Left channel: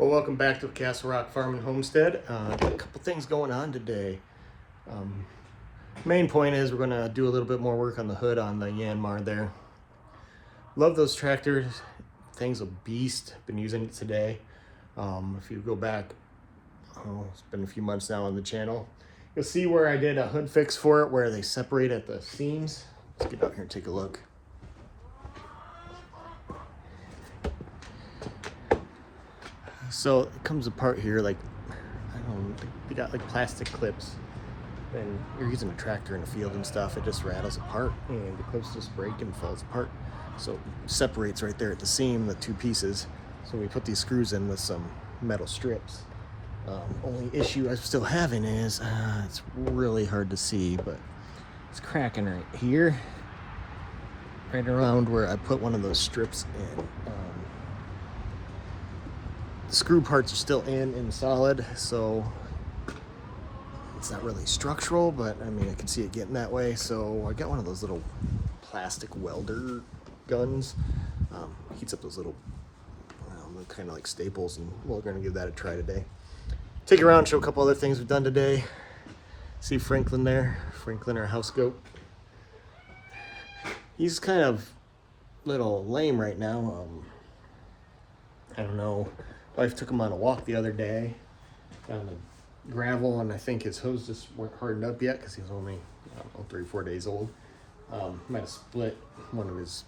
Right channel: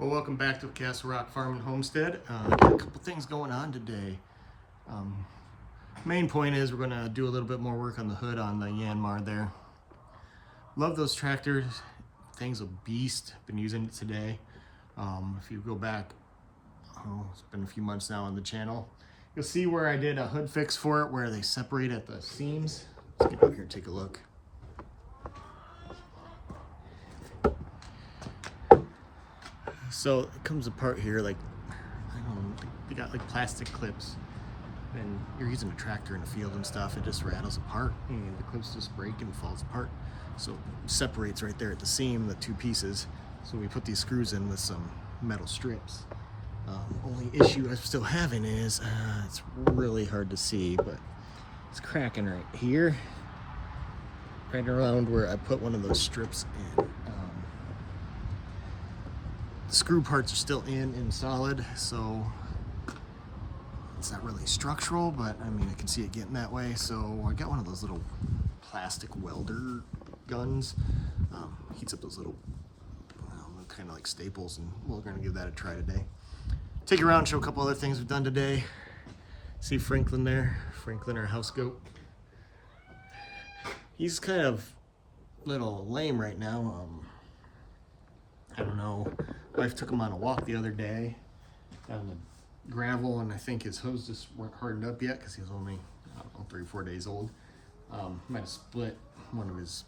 Well, welcome back to Castle Rock Farm and Homestead. Got a couple things going on today. Main point is we're going to do a little bit more work on the hood on the Yanmar there. Love those tractors. Thing's a beast. Been using it today. If you go back, it's been a few months now on the channel. You'll see where I did a hood fix for it, where they separate at the seams. Let's get out here and take a look. So it comes apart here like, I don't know, you got like plastic clips, and you're using a tractor in the field and stuff, it just rattles apart and the clips just break and falls apart. So it separates right there at the seam, the two pieces. So we put these screws in with some metal strips. Only issue I'm still having is, it's really hard to see, but it's cracking right here, right around where I put one of those strips in. The screw parts are still in solid, so it's not really structural, but I mean I can see it getting that way. So I got one of those little plastic welder guns. Heats up those little kind of like staples, and we're gonna give that a try today. Take you around, show a couple other things we've done today. See Franklin there, Franklin, our house goat. He's kind of a little lame right now. I don't know. Wife took him on a walk the other day on the gravel, and I think his hose just weren't hardened up yet because he was only, I don't know, 3 or 4 days old. Might have split one of his,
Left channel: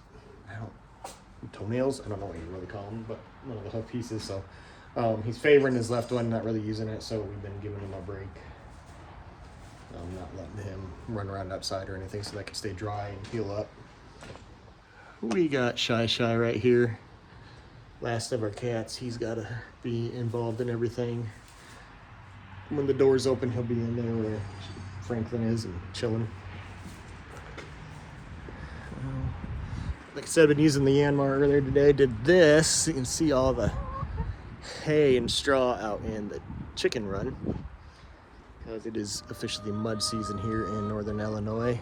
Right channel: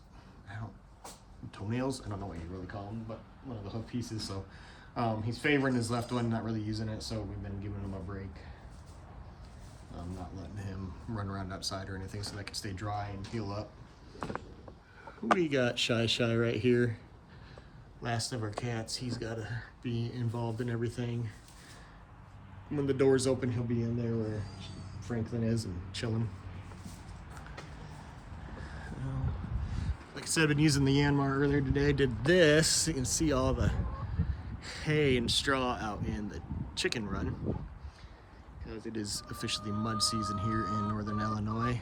toenails. I don't know what you really call them, but one of the hoof pieces. So he's favoring his left one, not really using it. So we've been giving him a break. Not letting him run around outside or anything, so that can stay dry and heal up. We got Shy right here. Last of our cats. He's got to be involved in everything. When the door's open, he'll be in there where Franklin is and chilling. Like I said, I've been using the Yanmar earlier today. Did this. You can see all the hay and straw out in the chicken run, because it is officially mud season here in northern Illinois.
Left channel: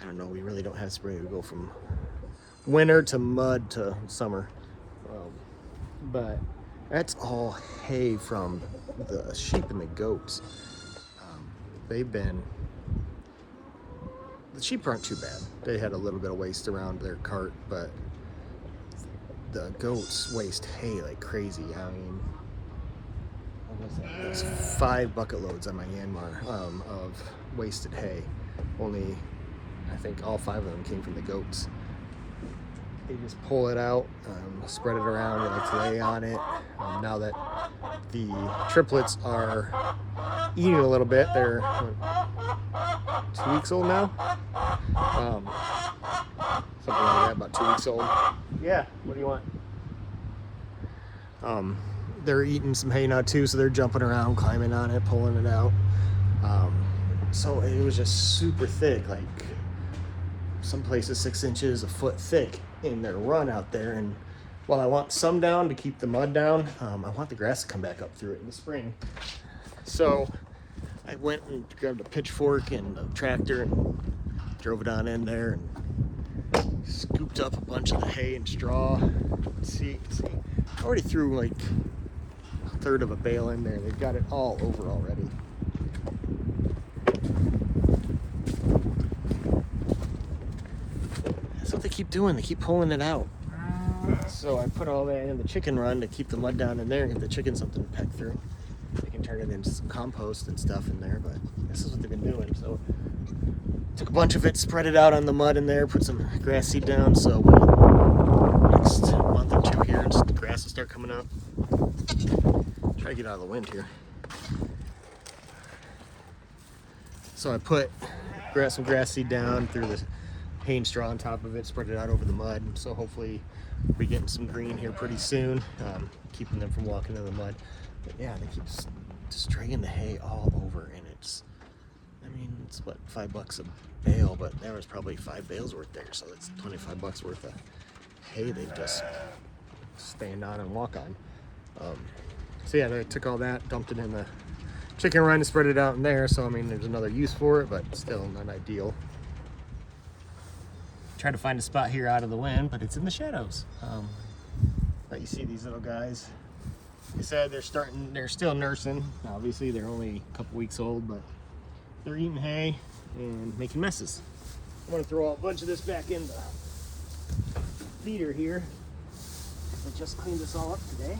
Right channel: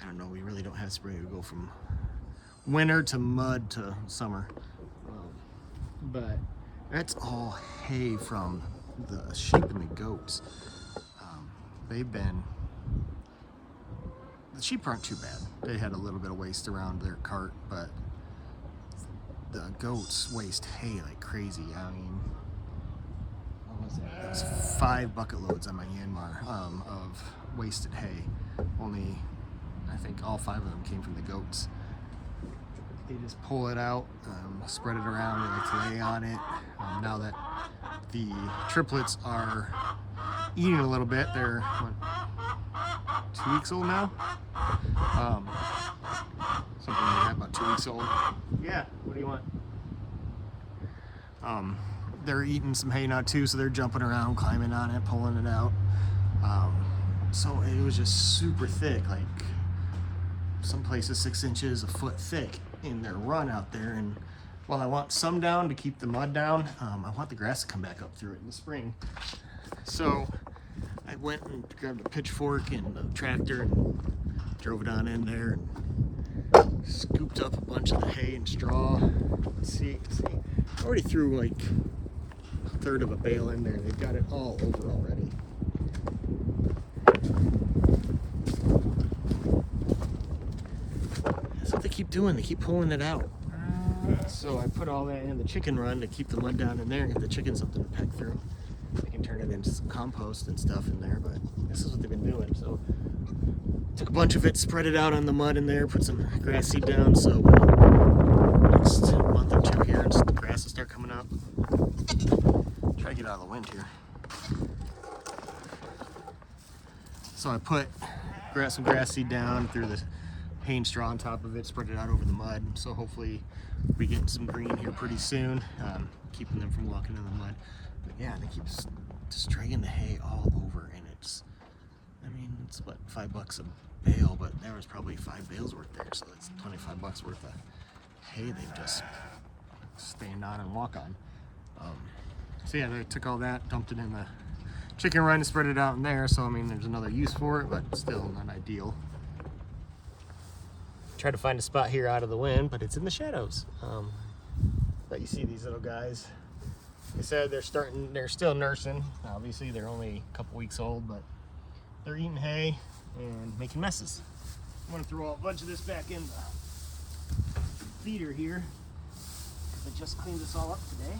I don't know, we really don't have spring. We go from winter to mud to summer, but that's all hay from the sheep and the goats. The sheep aren't too bad. They had a little bit of waste around their cart, but the goats waste hay like crazy. I mean, what was that? That was 5 bucket loads on my Yanmar of wasted hay. Only, I think all 5 of them came from the goats. They just pull it out, spread it around, they like to lay on it. Now that the triplets are eating a little bit, they're what, 2 weeks old now? Something like that, about 2 weeks old. Yeah, what do you want? They're eating some hay now too, so they're jumping around, climbing on it, pulling it out. So it was just super thick, like some places 6 inches, a foot thick in their run out there. And while I want some down to keep the mud down, I want the grass to come back up through it in the spring. So I went and grabbed a pitchfork and a tractor and drove it on in there and scooped up a bunch of the hay and straw. Let's see. I already threw like 1/3 of a bale in there. They've got it all over already. That's what they keep doing. They keep pulling it out. So I put all that in the chicken run to keep the mud down in there and give the chicken something to peck through. They can turn it into some compost and stuff in there, but this is what they've been doing. So took a bunch of it, spread it out on the mud in there, put some grass seed down, so next month or 2 here, the grass will start coming up. Try to get out of the wind here. So I put some grass seed down, threw the hay and straw on top of it, spread it out over the mud. So hopefully we'll be getting some green here pretty soon, keeping them from walking in the mud. But yeah, they keep just dragging the hay all over, and it's what, $5 a bale, but there was probably 5 bales worth there, so that's $25 worth of hay they just stand on and walk on. So yeah, they took all that, dumped it in the chicken run and spread it out in there. So I mean, there's another use for it, but still not ideal. Try to find a spot here out of the wind, but it's in the shadows. But you see these little guys. Like I said, they're still nursing. Obviously, they're only a couple weeks old, but they're eating hay and making messes. I'm gonna throw a bunch of this back in the feeder here, because I just cleaned this all up today.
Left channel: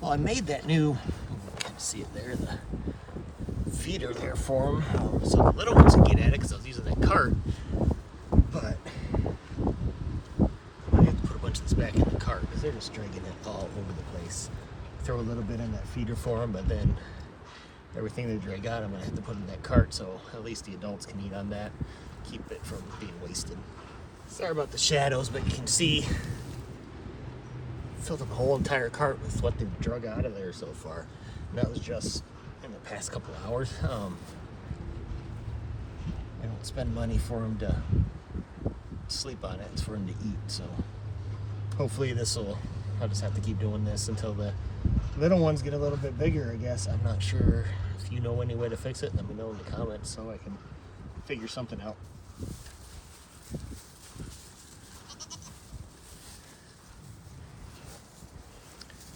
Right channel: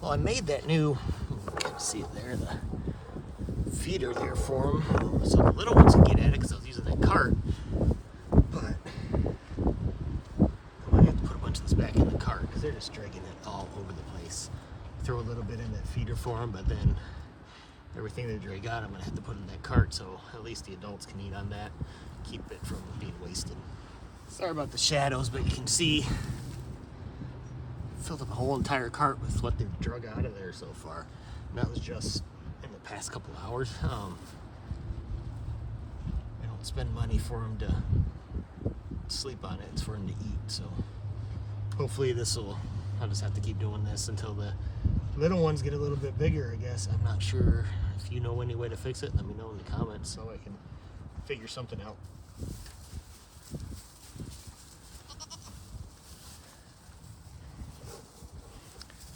Well, I made that new, you can see it there, the feeder there for them, so the little ones can get at it because I was using that cart. But I'm gonna have to put a bunch of this back in the cart because they're just dragging it all over the place. Throw a little bit in that feeder for them, but then everything they drag out, I'm gonna have to put in that cart so at least the adults can eat on that, keep it from being wasted. Sorry about the shadows, but you can see filled up a whole entire cart with what they've drug out of there so far, and that was just in the past couple hours. I don't spend money for them to sleep on it, it's for them to eat, so hopefully I'll just have to keep doing this until the little ones get a little bit bigger, I guess. I'm not sure. If you know any way to fix it, let me know in the comments so I can figure something out.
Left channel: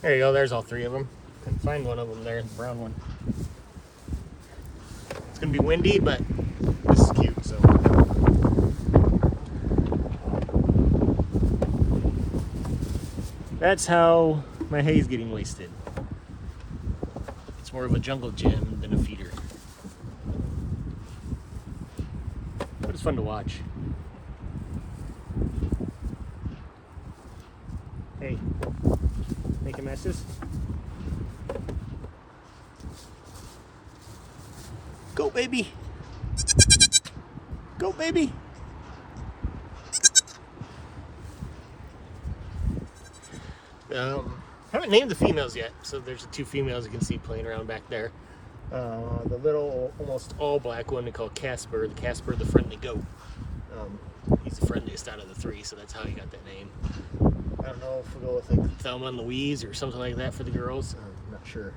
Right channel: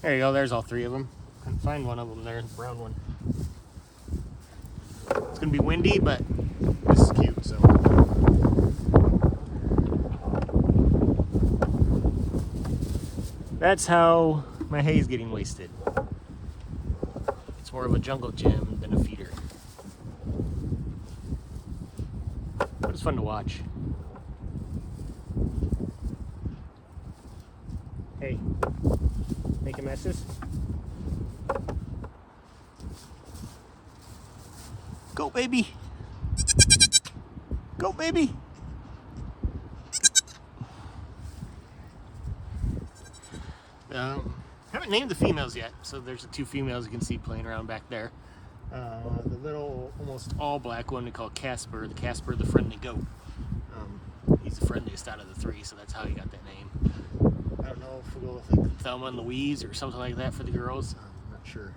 There you go, there's all three of them. Couldn't find one of them there, the brown one. It's gonna be windy, but this is cute, so. That's how my hay's getting wasted. It's more of a jungle gym than a feeder. But it's fun to watch. Hey, making messes? Go, baby! Go, baby! Haven't named the females yet, so there's the two females you can see playing around back there. The little, almost all black one we call Casper, the friendly goat. He's the friendliest out of the three, so that's how he got that name. I don't know if we'll go with like Thelma and Louise or something like that for the girls. I'm not sure.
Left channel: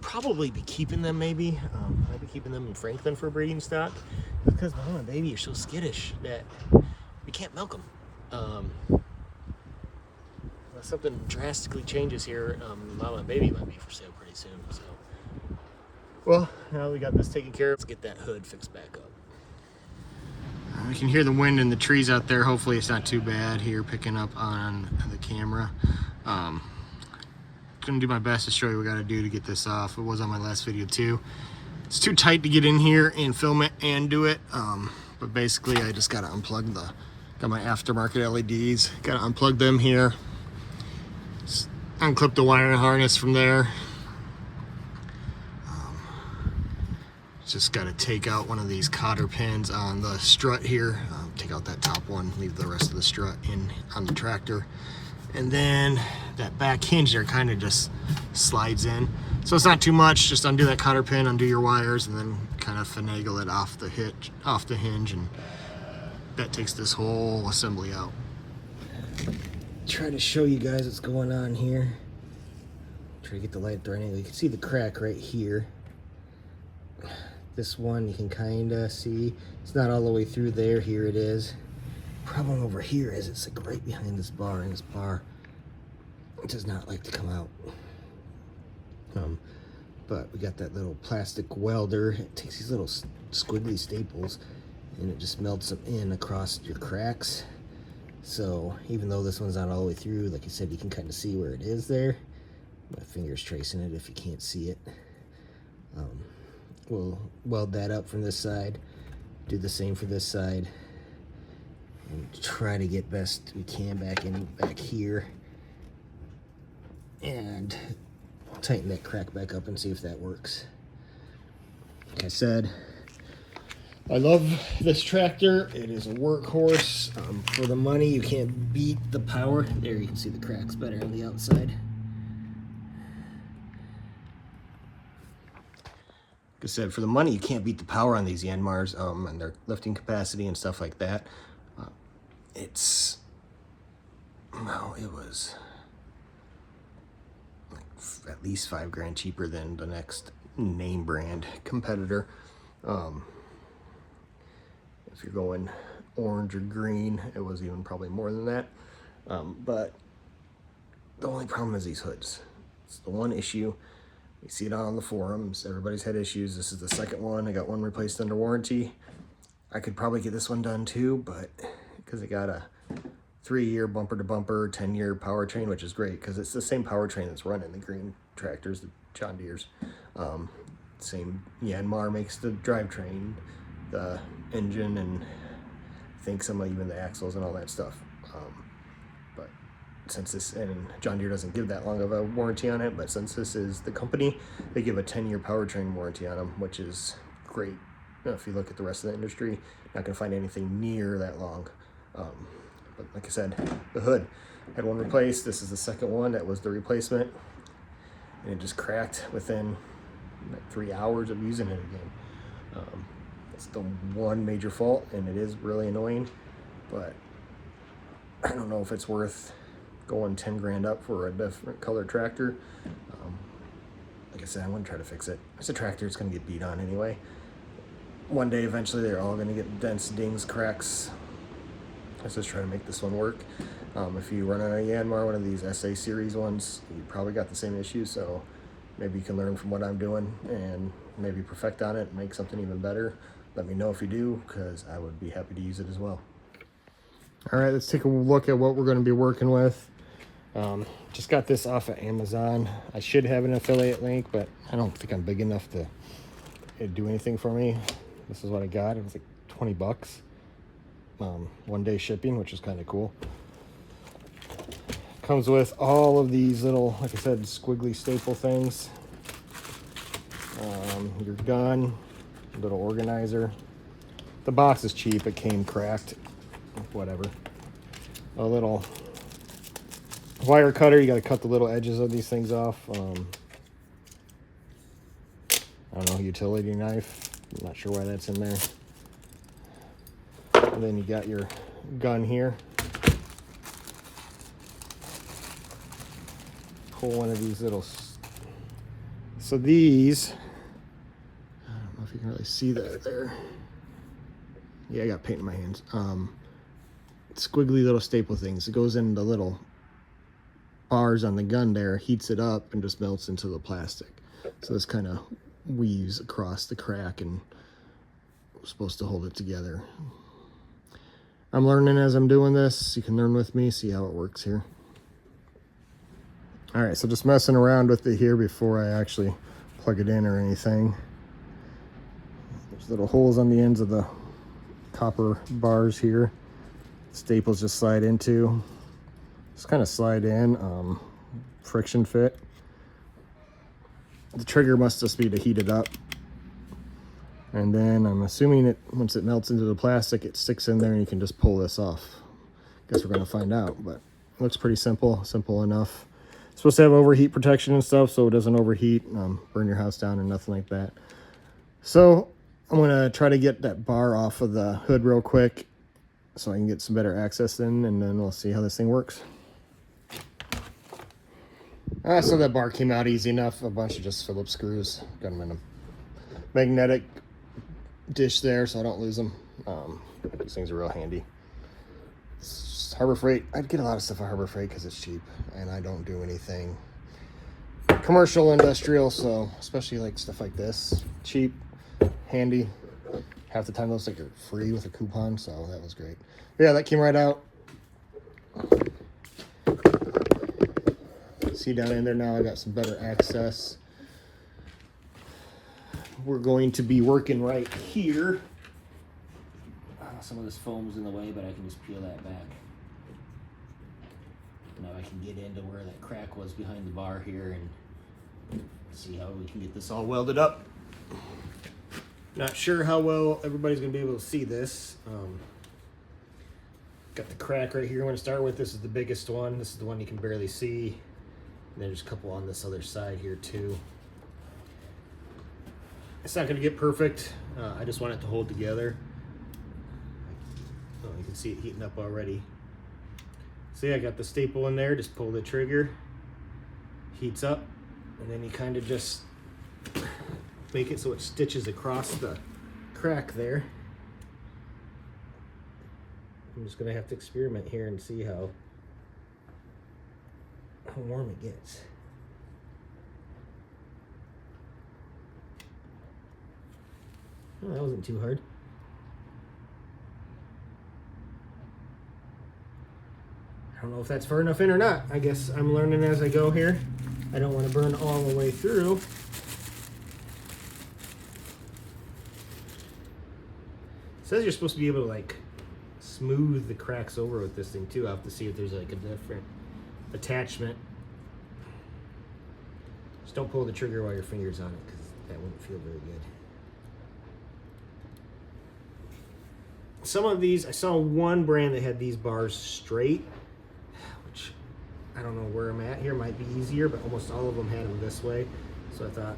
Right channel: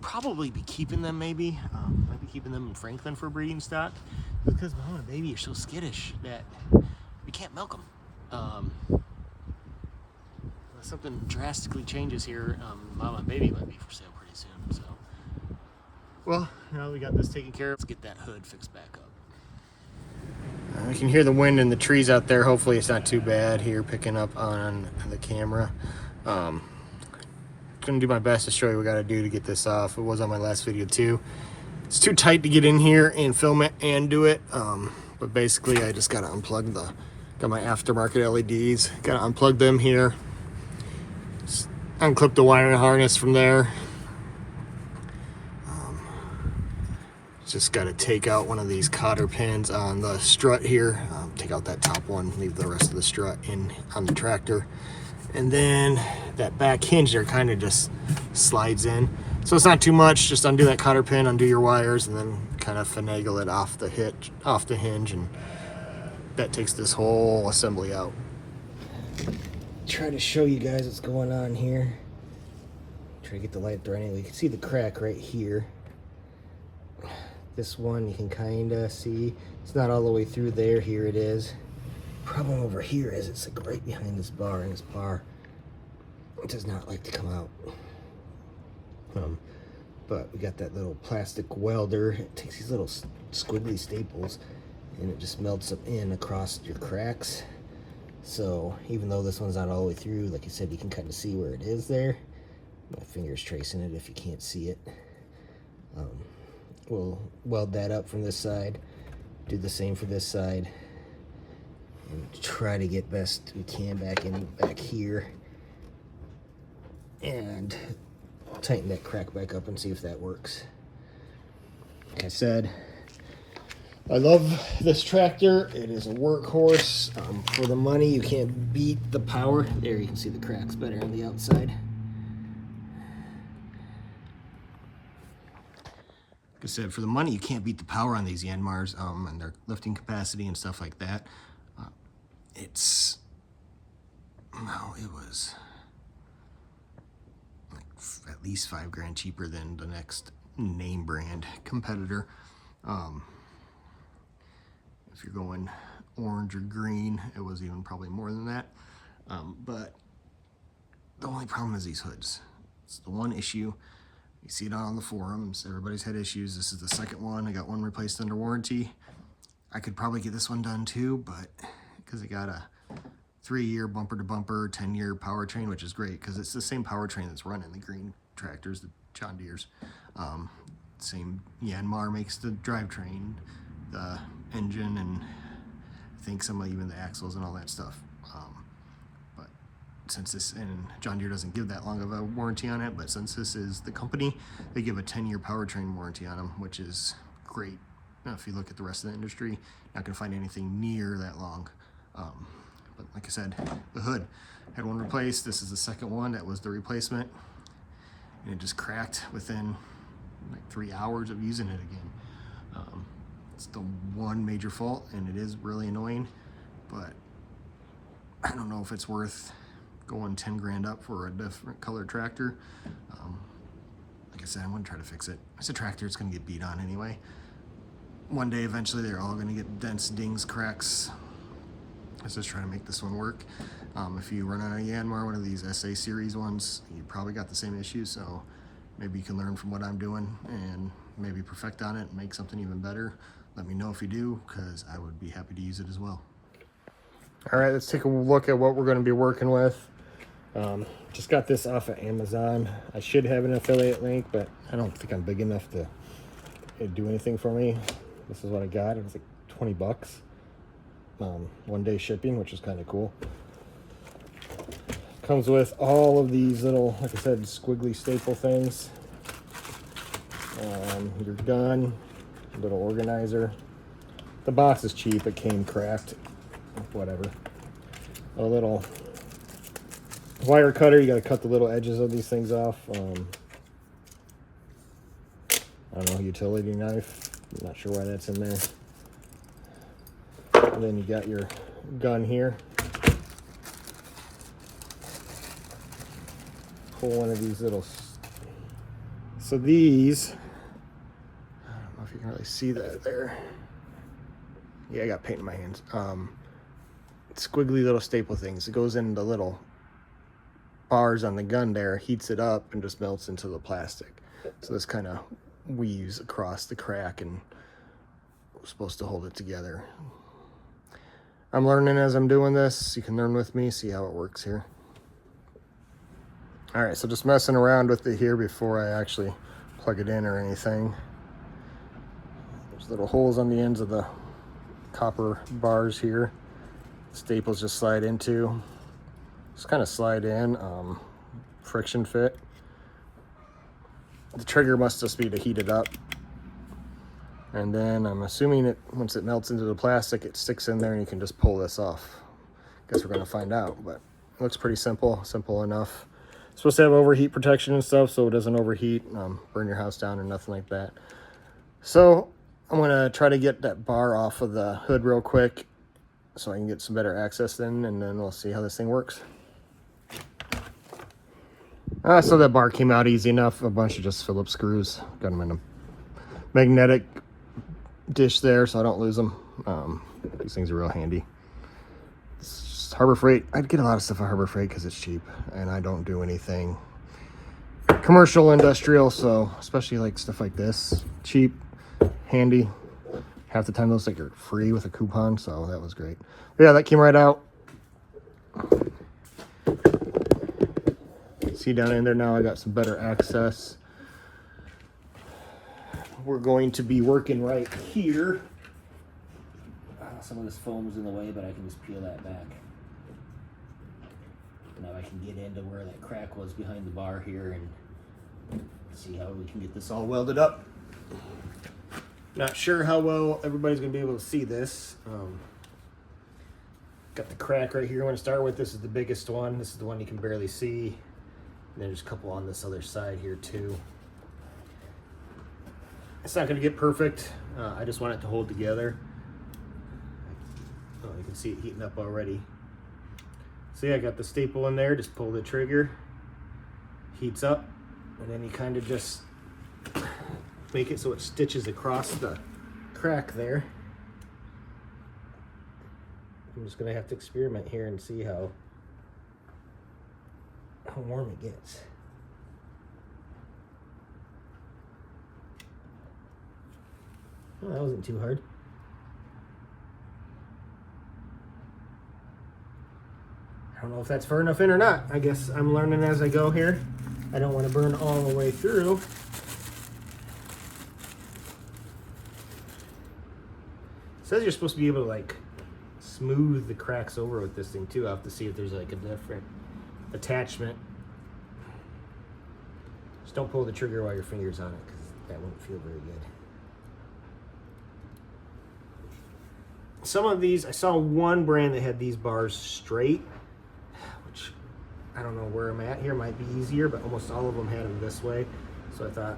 Probably be keeping them maybe. Might be keeping them in Franklin for breeding stock, because mama and baby are so skittish that we can't milk them. Unless something drastically changes here, mama and baby might be for sale pretty soon. So, well, now we got this taken care of. Let's get that hood fixed back up. I can hear the wind in the trees out there. Hopefully it's not too bad here picking up on the camera. Gonna do my best to show you what we gotta do to get this off. It was on my last video too. It's too tight to get in here and film it and do it. But basically I just gotta unplug got my aftermarket LEDs. Gotta unplug them here. Just unclip the wiring harness from there. Just got to take out one of these cotter pins on the strut here. Take out that top one, leave the rest of the strut in on the tractor. And then that back hinge there kind of just slides in. So it's not too much, just undo that cotter pin, undo your wires, and then kind of finagle it off the hinge, and that takes this whole assembly out. Try to show you guys what's going on here. Try to get the light there anyway. You can see the crack right here. This one you can kind of see. It's not all the way through there. Here it is. Problem over here is it's like right behind this bar, and this bar it does not like to come out. But we got that little plastic welder. It takes these little squiggly staples and it just melts them in across your cracks. So even though this one's not all the way through, like I said, you can kind of see where it is there. My finger's tracing it if you can't see it. We'll weld that up from this side, do the same for this side, and try to get best we can back here, and tighten that crack back up and see if that works. Like I said, I love this tractor. It is a workhorse. For the money, you can't beat the power. There you can see the cracks better on the outside. Like I said, for the money, you can't beat the power on these Yanmars and their lifting capacity and stuff like that. It was at least $5 grand cheaper than the next name brand competitor. If you're going orange or green, it was even probably more than that. But the only problem is these hoods. It's the one issue. We see it on the forums. Everybody's had issues. This is the second one. I got one replaced under warranty. I could probably get this one done too, but because it got a 3-year bumper to bumper, 10-year powertrain, which is great because it's the same powertrain that's running the green tractors, the John Deere's. Same Yanmar makes the drivetrain, the engine, and I think some of even the axles and all that stuff. But since this, and John Deere doesn't give that long of a warranty on it, but since this is the company, they give a 10-year powertrain warranty on them, which is great. If you look at the rest of the industry, not gonna find anything near that long. But like I said, the hood, had one replaced. This is the second one. That was the replacement, and it just cracked within like 3 hours of using it again. It's the one major fault, and it is really annoying, but I don't know if it's worth going 10 grand up for a different color tractor. Like I said, I'm gonna try to fix it. It's a tractor, it's gonna get beat on anyway. One day, eventually, they're all gonna get dents, dings, cracks. Let's just try to make this one work. If you run on a Yanmar, one of these SA series ones, you probably got the same issue, so maybe you can learn from what I'm doing and maybe perfect on it and make something even better. Let me know if you do, because I would be happy to use it as well. All right, let's take a look at what we're going to be working with. Just got this off of Amazon. I should have an affiliate link, but I don't think I'm big enough to do anything for me. This is what I got. It was like 20 bucks. 1 day shipping, which is kind of cool. Comes with all of these little, like I said, squiggly staple things. Your gun, little organizer. The box is cheap. It came cracked. Whatever. A little wire cutter. You got to cut the little edges of these things off. I don't know, utility knife. I'm not sure why that's in there. And then you got your gun here. Pull one of these little. So these, I don't know if you can really see that there. Yeah, I got paint in my hands. Squiggly little staple things. It goes in the little bars on the gun there, heats it up, and just melts into the plastic. So this kind of weaves across the crack and is supposed to hold it together. I'm learning as I'm doing this. You can learn with me, see how it works here. All right, so just messing around with it here before I actually plug it in or anything. There's little holes on the ends of the copper bars here. Staples just slide into. Just kind of slide in, friction fit. The trigger must just be to heat it up. And then I'm assuming it, once it melts into the plastic, it sticks in there and you can just pull this off. Guess we're gonna find out, but it looks pretty simple enough. It's supposed to have overheat protection and stuff, so it doesn't overheat, burn your house down or nothing like that. So I'm gonna try to get that bar off of the hood real quick so I can get some better access in, and then we'll see how this thing works. So that bar came out easy enough. A bunch of just Phillips screws. Got them in a magnetic dish there so I don't lose them. These things are real handy. It's Harbor Freight. I'd get a lot of stuff at Harbor Freight because it's cheap, and I don't do anything commercial, industrial, so especially like stuff like this, cheap, handy. Half the time those things are free with a coupon, so that was great. But yeah, that came right out. See down in there now, I got some better access. We're going to be working right here. Some of this foam's in the way, but I can just peel that back. Now I can get into where that crack was behind the bar here and see how we can get this all welded up. Not sure how well everybody's gonna be able to see this. Got the crack right here I'm gonna start with. This is the biggest one. This is the one you can barely see. And then there's a couple on this other side here too. It's not gonna get perfect. I just want it to hold together. Oh, you can see it heating up already. See, I got the staple in there. Just pull the trigger. Heats up. And then you kind of just make it so it stitches across the crack there. I'm just gonna have to experiment here and see how warm it gets. Oh, that wasn't too hard. I don't know if that's far enough in or not. I guess I'm learning as I go here. I don't want to burn all the way through. It says you're supposed to be able to like smooth the cracks over with this thing too. I'll have to see if there's like a different attachment. Just don't pull the trigger while your finger's on it, because that wouldn't feel very good. Some of these, I saw one brand that had these bars straight, which I don't know where I'm at here, might be easier, but almost all of them had them this way. So I thought,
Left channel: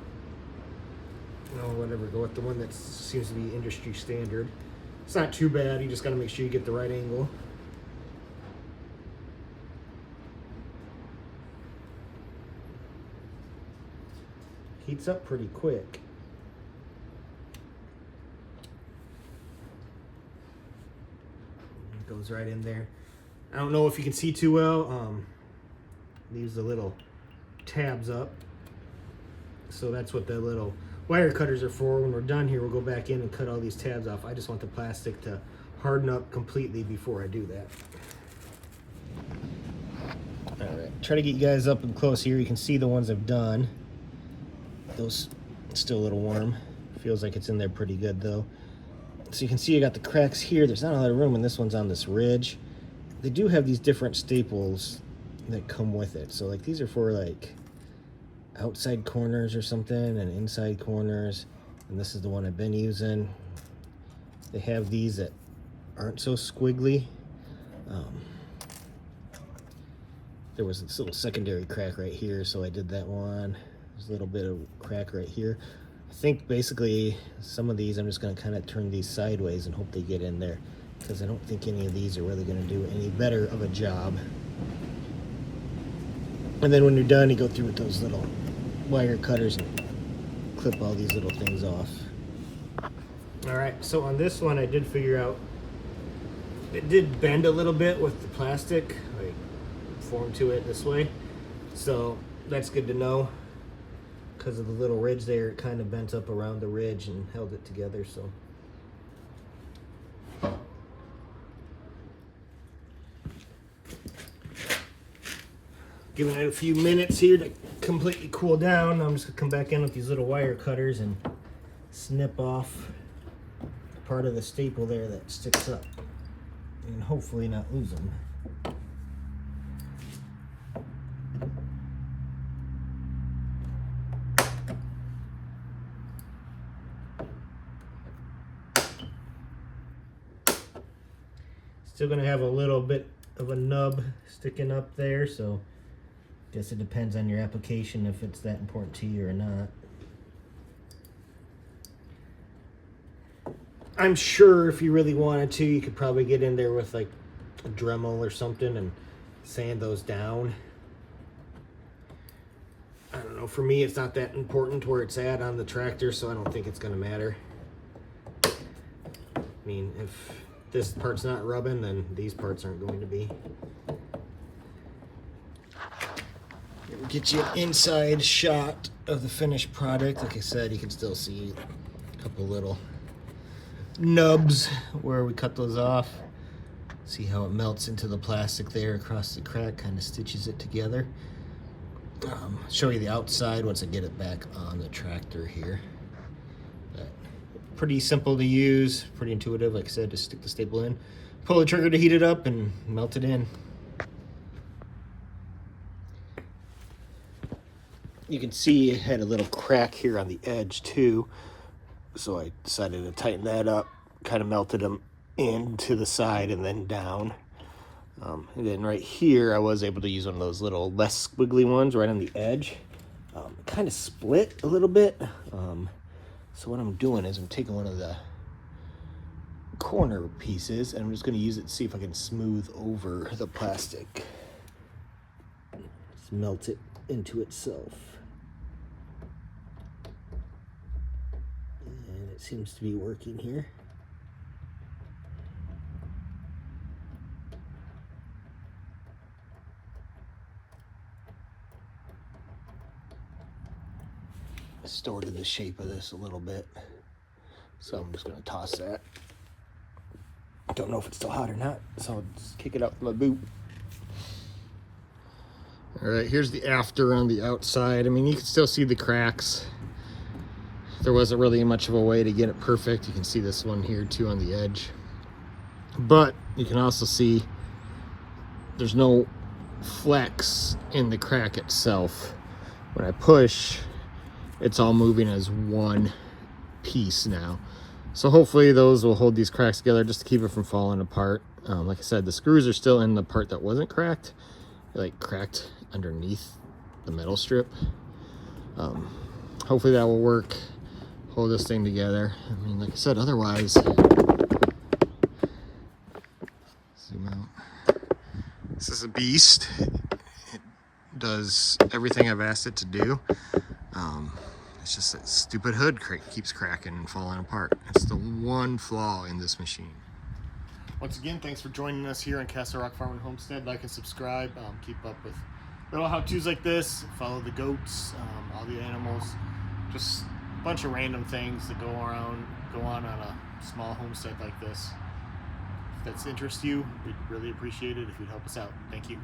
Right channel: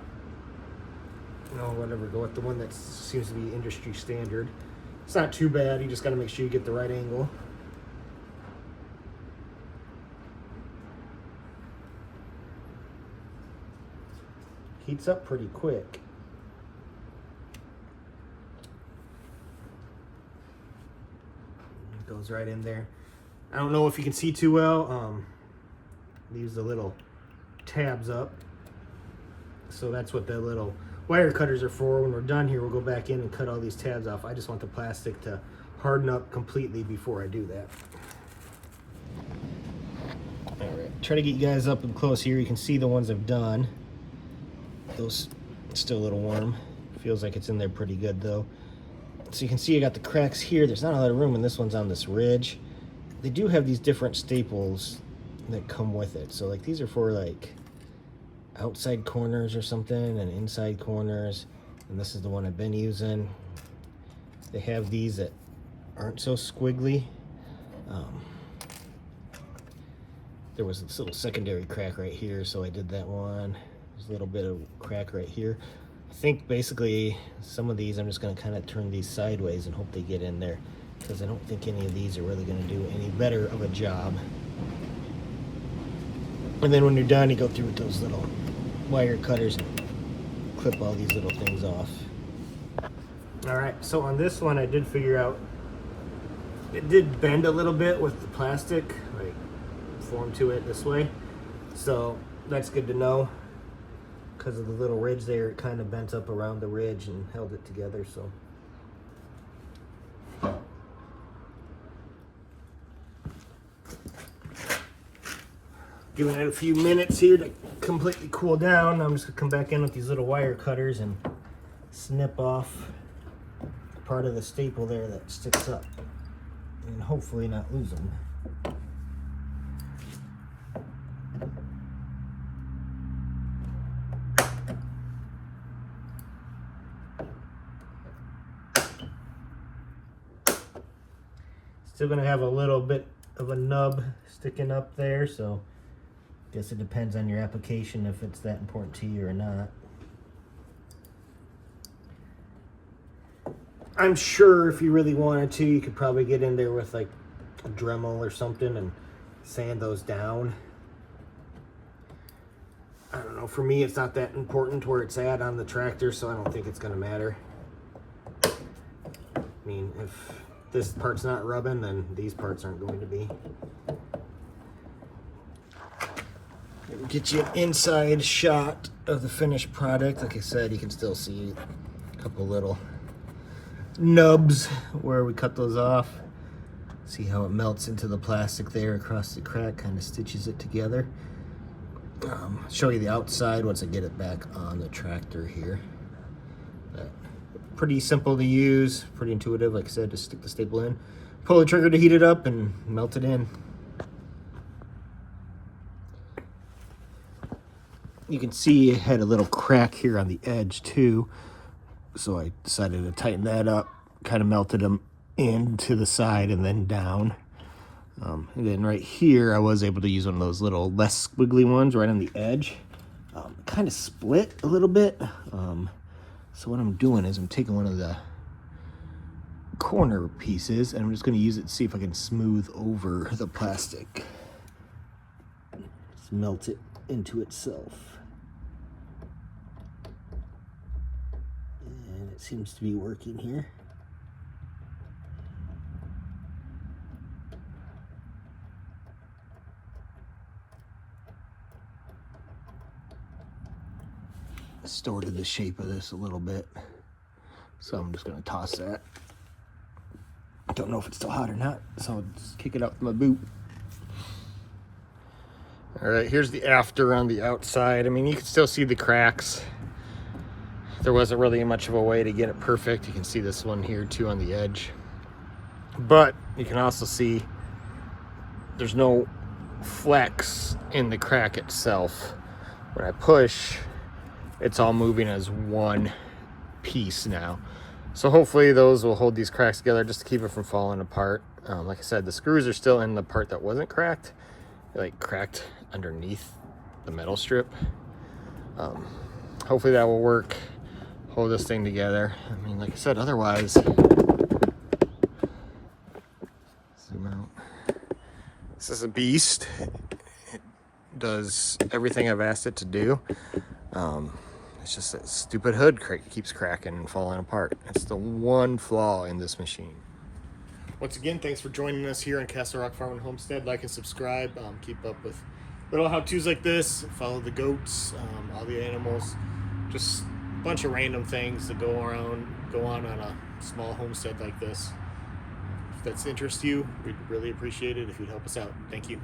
you know, whatever, go with the one that seems to be industry standard. It's not too bad, you just got to make sure you get the right angle. Heats up pretty quick. It goes right in there. I don't know if you can see too well. Leaves the little tabs up. So that's what the little wire cutters are for. When we're done here, we'll go back in and cut all these tabs off. I just want the plastic to harden up completely before I do that. All right, try to get you guys up and close here. You can see the ones I've done. Those still a little warm. Feels like it's in there pretty good though. So you can see I got the cracks here. There's not a lot of room, and this one's on this ridge. They do have these different staples that come with it. So like these are for like outside corners or something, and inside corners. And this is the one I've been using. They have these that aren't so squiggly. There was this little secondary crack right here, so I did that one. There's a little bit of crack right here. I think basically some of these I'm just going to kind of turn these sideways and hope they get in there, because I don't think any of these are really going to do any better of a job. And then when you're done, you go through with those little wire cutters and clip all these little things off. All right, so on this one I did figure out it did bend a little bit with the plastic, like form to it this way. So that's good to know. Because of the little ridge there, it kind of bent up around the ridge and held it together. So giving it a few minutes here to completely cool down. I'm just gonna come back in with these little wire cutters and snip off part of the staple there that sticks up, and hopefully not lose them. Still gonna have a little bit of a nub sticking up there, so I guess it depends on your application if it's that important to you or not. I'm sure if you really wanted to, you could probably get in there with like a Dremel or something and sand those down. I don't know, for me it's not that important where it's at on the tractor, so I don't think it's gonna matter. I mean, if this part's not rubbing, then these parts aren't going to be. Get you an inside shot of the finished product. Like I said, you can still see a couple little nubs where we cut those off. See how it melts into the plastic there across the crack, kind of stitches it together. Show you the outside once I get it back on the tractor here. But pretty simple to use, pretty intuitive. Like I said, just stick the staple in, pull the trigger to heat it up, and melt it in. You can see it had a little crack here on the edge too, so I decided to tighten that up, kind of melted them into the side and then down. And then right here I was able to use one of those little less squiggly ones right on the edge. Kind of split a little bit. So what I'm doing is I'm taking one of the corner pieces and I'm just going to use it to see if I can smooth over the plastic. Just melt it into itself. It seems to be working here. Distorted the shape of this a little bit, so I'm just going to toss that. Don't know if it's still hot or not, so I'll just kick it out from my boot. All right, here's the after on the outside. I mean, you can still see the cracks. There wasn't really much of a way to get it perfect. You can see this one here too on the edge, but you can also see there's no flex in the crack itself. When I push, it's all moving as one piece now. So hopefully those will hold these cracks together just to keep it from falling apart. Like I said, the screws are still in the part that wasn't cracked, like cracked underneath the metal strip. Hopefully that will work, hold this thing together. I mean, like I said, otherwise, zoom out. This is a beast. It does everything I've asked it to do. It's just that stupid hood keeps cracking and falling apart. It's the one flaw in this machine. Once again, thanks for joining us here on Castle Rock Farm and Homestead. Like and subscribe. Keep up with little how-tos like this. Follow the goats, all the animals. Just a bunch of random things that go on a small homestead like this. If that's interests you, we'd really appreciate it if you'd help us out. Thank you.